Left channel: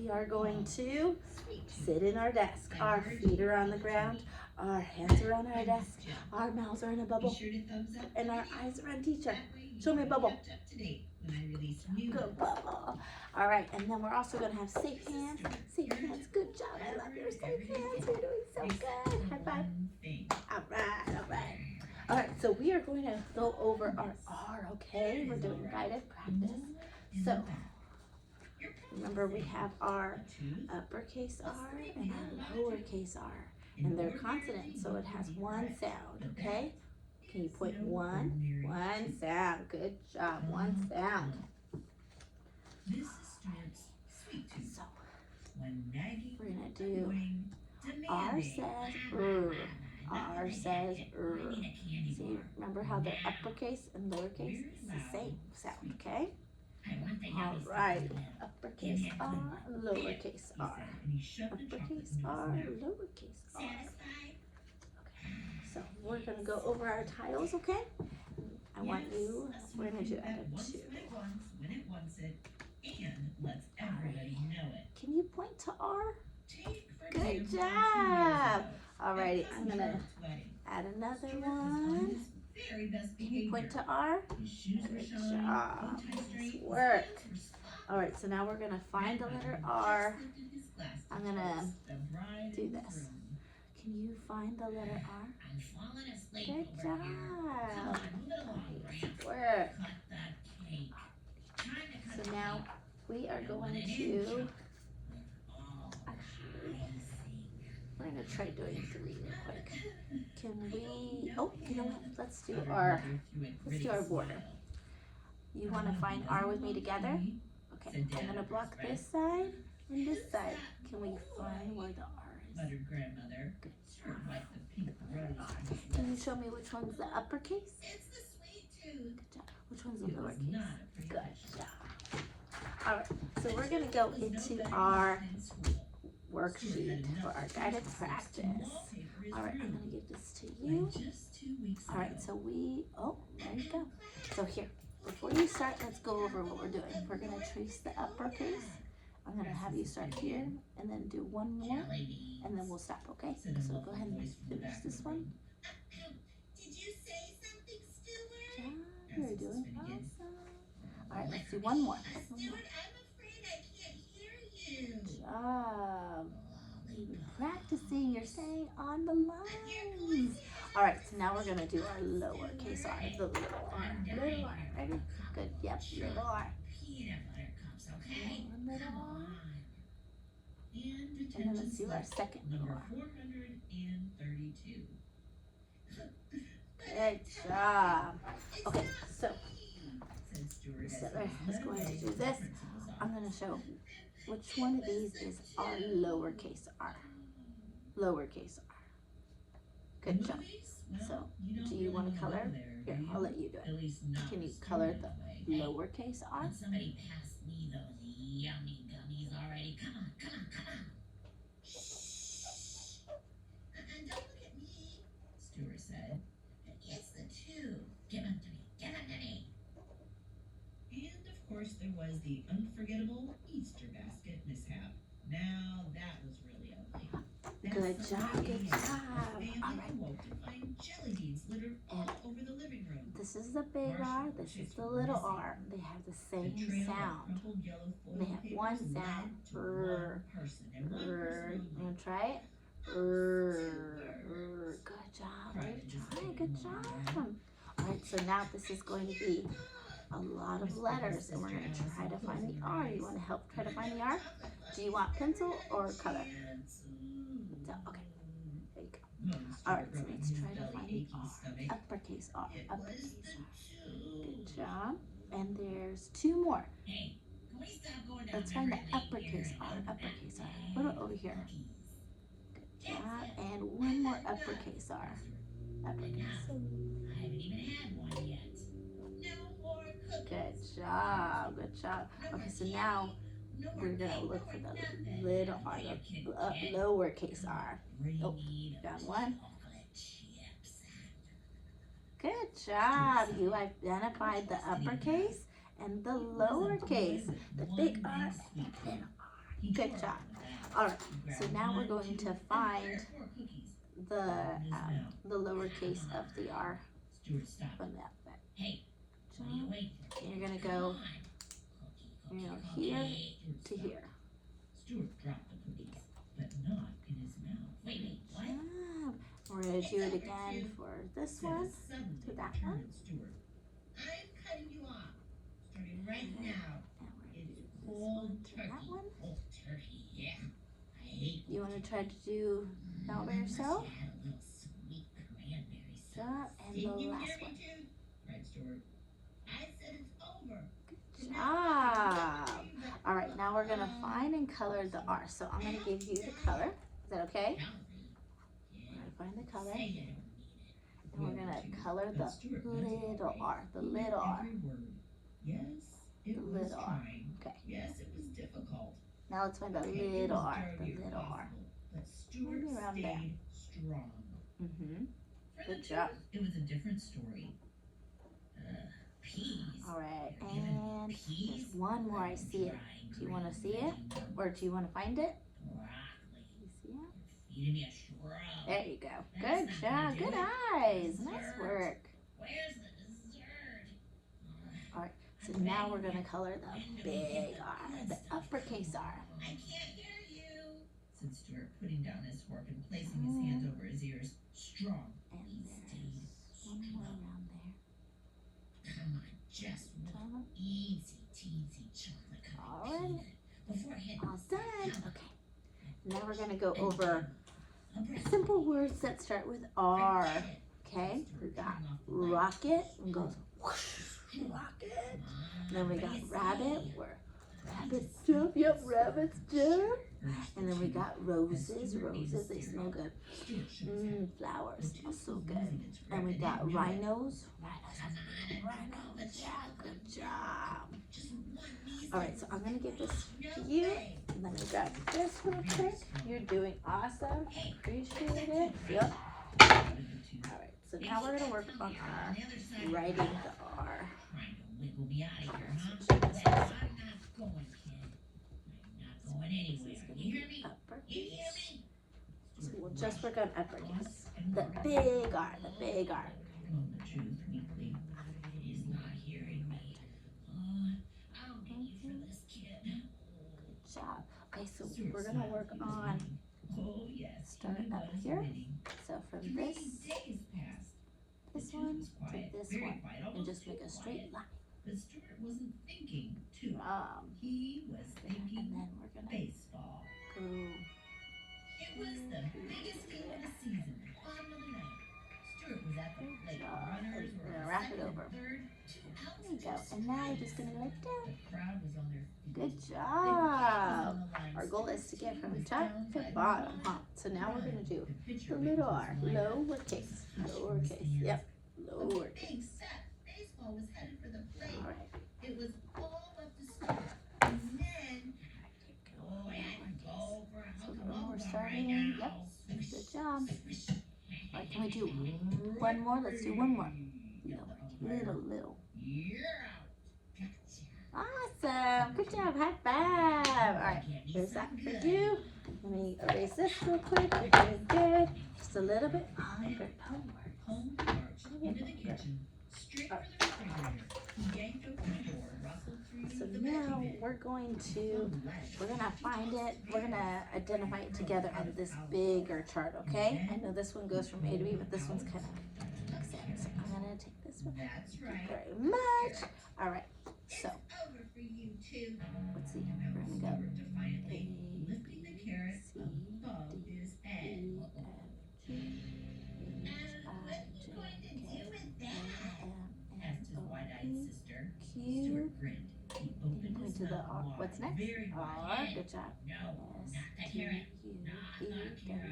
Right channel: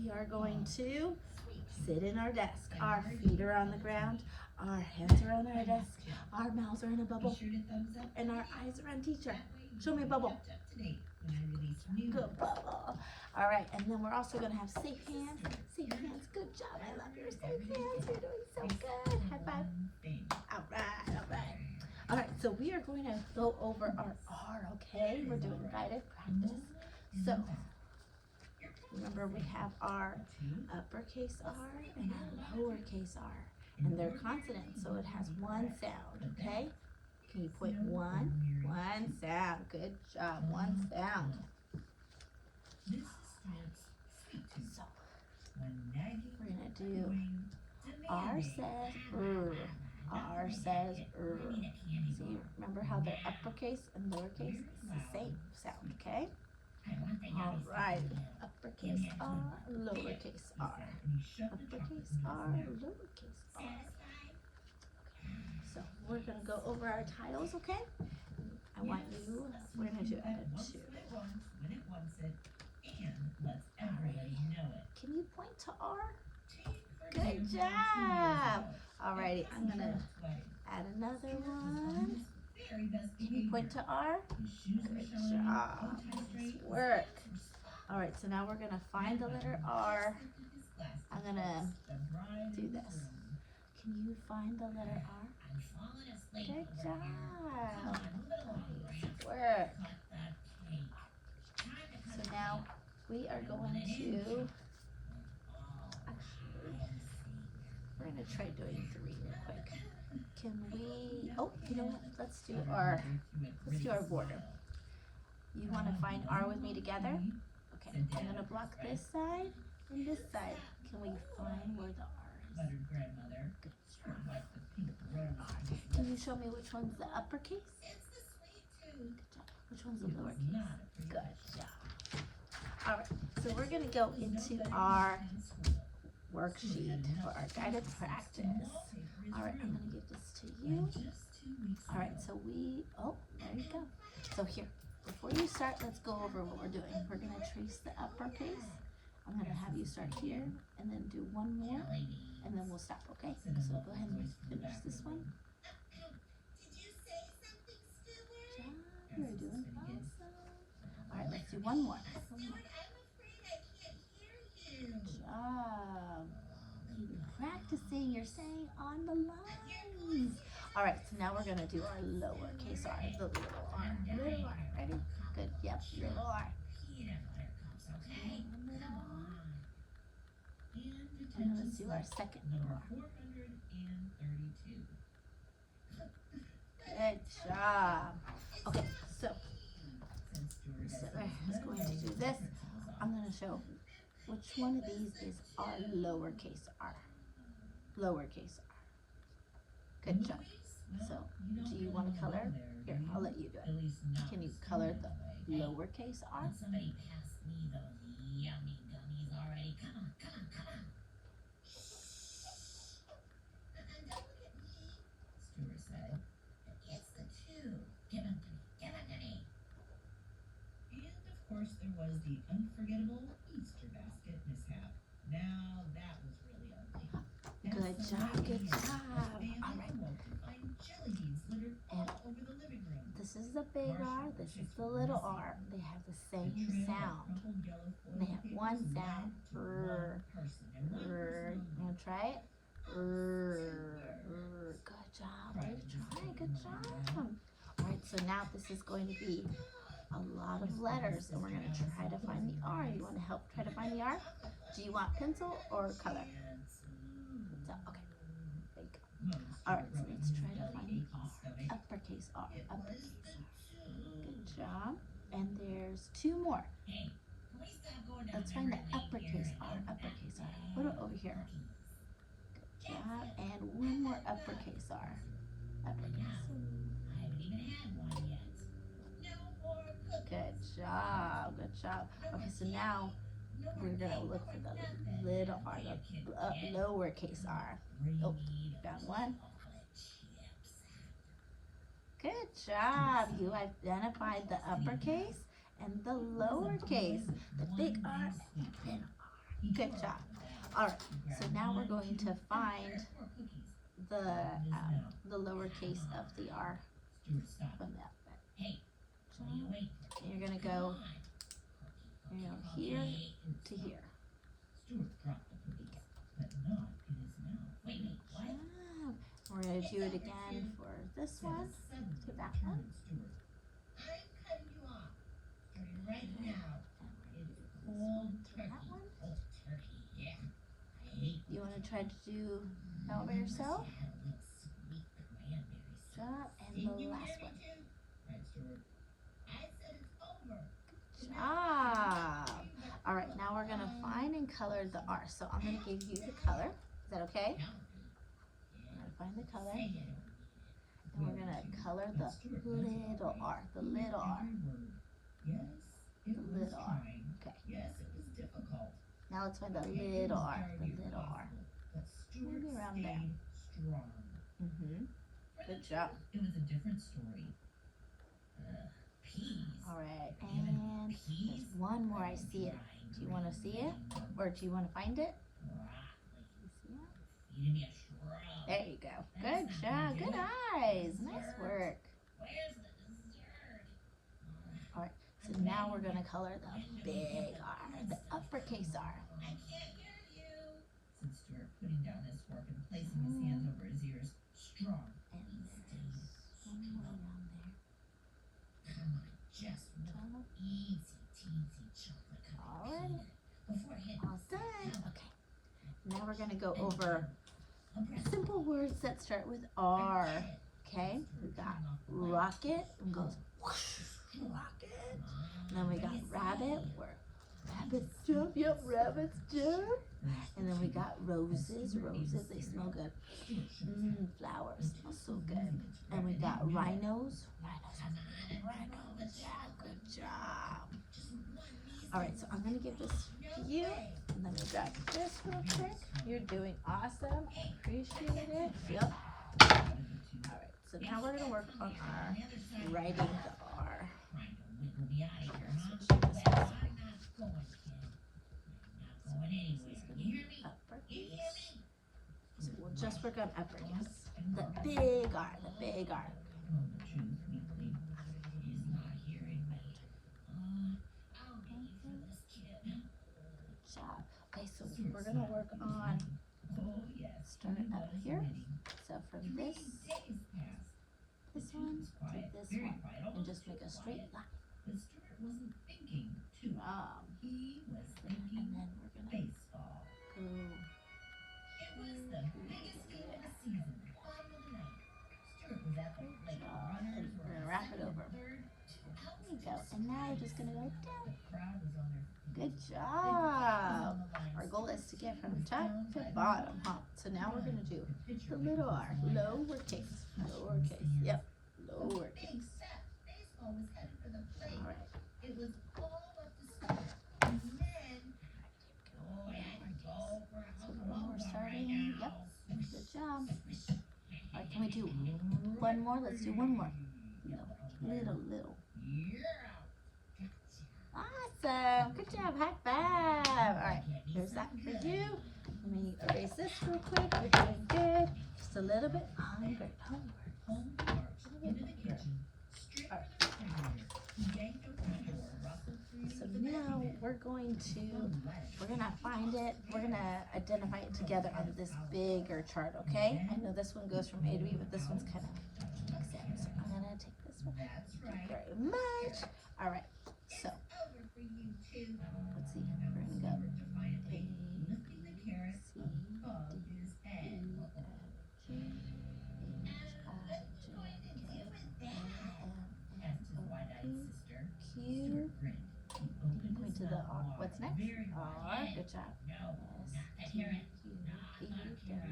we are going to sit in our desk. Our feet are on the ground, our hands are on our desk, our mouths are in a bubble, and our eyes are on teacher. Show me a bubble. Good bubble. All right, and then we're also going to have safe hands. Safe hands. Good job. I love your safe hands. You're doing so good. High five. All right, all right. All right, so we are going to go over our R, okay? We're doing guided practice. So, remember we have our uppercase R and our lowercase r, and they're consonants, so it has one sound, okay? Can you point one? One sound. Good job. One sound. So, we're going to do R says R says See, remember how they're uppercase and lowercase? It's the same sound, okay? All right. Uppercase R, lowercase r. Uppercase R, lowercase r. So we're going to go over our tiles, okay? We're going to do out of 2. Can you point to R? Good job. Alrighty, I'm going to add another one. Can you point to R? Good job. Nice work. Alright, so now we're going to find the letter R. I'm going to do this. Can you find the letter R? Good job. Nice work. So now we are going to, we're going to try doing 3 real quick. Can we, oh, you know what? Let's do our border. You want to find R with me together? Okay, I'm going to block this side and this side. Can we find where the R is? Good job. Can you show me which one's the uppercase? Good job. Which one's the lowercase? Good job. All right, so we're going to go into our worksheet for our guided practice. All right, I'm going to give this to you. All right, so there you go. So here, before you start, let's go over what we're doing. We're going to trace the uppercase. I'm going to have you start here and then do one more, and then we'll stop, okay? So go ahead and finish this one. Good job. You're doing awesome. All right, let's do one more. Good job. Practicing, you're staying on the lines. All right, so now we're going to do our lowercase r, the little r. Little r, ready? Good, yep, little r. Little r. And then let's do our second little r. Good job. Okay, so Sittler is going to do this. I'm going to show which one of these is our lowercase r. Lowercase r. Good job. So, do you want to color? Here, I'll let you do it. Can you color the lowercase r? Somebody pass me those yummy gummies already. Come on, come on, come on. Shh. And don't look at me, Stuart said. It's the 2. Give them to me. Give them to me. And of course there was the unforgettable Easter basket mishap. Now that was really ugly. Good job, good job. All right. Jelly beans littered all over the living room. This is the big R, this is the little r. They have the same sound. They have one sound. You want to try it? Good job. Way to try. Good job. All right, so now this is going to be a lot of letters, and we're going to try to find the R. You want to help try to find the R? Do you want pencil or color? So, okay. There you go. All right, so let's try to find the R. Uppercase R. Uppercase R. Good job. And there's 2 more. Let's find the uppercase R. Uppercase R. Put it over here. Good job. And one more uppercase R. Uppercase. Good job. Good job. Okay, so now we're going to look for the little r, the lowercase r. Oh, found one. Good job. You identified the uppercase and the lowercase. The big R and the little r. Good job. All right. So now we're going to find the lowercase of the R from the alphabet. And you're gonna go, here to here. We're gonna do it again for this one, to that one. That one. You want to try to do that one by yourself? And the last one. Good job. All right, now we're gonna find and color the R. So I'm gonna give you the color. Is that okay? We're gonna find the color, and we're gonna color the little R. The little R. The little R. Okay. Now let's find the little R. The little R. Maybe around there. Good job. It was a different story. Peas. All right, and there's one more. I see it. Do you want to see it, or do you want to find it? You see it? There you go. Good job. Good eyes. Nice work. All right. So now we're gonna color the big R, the uppercase R. I can't hear you. Said Stuart, putting down his fork and placing his hands over his ears. Strong. And there's one more around there. Come on, just one easy, teensy chocolate covered Alright. Before I hit All done. Okay. Now we're gonna go over simple words that start with R. Okay. We got rocket and goes whoosh, rocket. And then we got rabbit, where rabbits jump. Yep, rabbits jump. And then we got roses. Roses, they smell good. Flowers smell so good. And we got rhinos. Rhinos. Yeah, good job. All right, so I'm gonna give this to you. Let me grab this real quick. You're doing awesome. I appreciate it. Yep. All right, so now we're gonna work on our writing the R. So we'll just work on uppercase. The big R, the big R. Good job. Okay, so we're gonna work on start up here. So from this one to this one, and just make a straight line. He was And thinking then we're gonna baseball. go. It was the biggest game of the season. Bottom of the ninth. Stuart was at the plate. Runners We're were gonna wrap it over. third. There you go. And now we're just gonna go down. The crowd was on their feet. Good job. Our goal is to get from top to bottom, huh? So now we're gonna do the little R, lowercase, lowercase. Yep, lowercase. Baseball was headed for the plate. All right. It was all up to Stuart. And then, oh, yeah, go for a So home we're run starting. right Yep. now. Good job. All right. Can we do one more? Let's do one more. Little. Yeah. Awesome. Good job. High five. All right. Here's that for you. Let me erase this real quick. You're doing good. Just a little bit. Homework. Home marched into the kitchen, straight for the refrigerator. He yanked open the door, rustled through So the now vegetables. we're gonna find it. We're gonna identify it together on this bigger chart, okay? I know this one goes from A to B, but this one's kind of makes sense. So I'm gonna take this one. That's Thank you right. very much. All right. So Over for you too. let's see. We're gonna go Defiantly, A, lifting the carrot C, above his head. E, F, G, H, I, J, K, L, M, Asked his N, O, wide-eyed P, sister. Q. Stuart grinned. He opened Point his to the mouth R. wide, What's next? very R. wide. Good job. No, S, not the T, carrot. U, Not V, the W, carrot.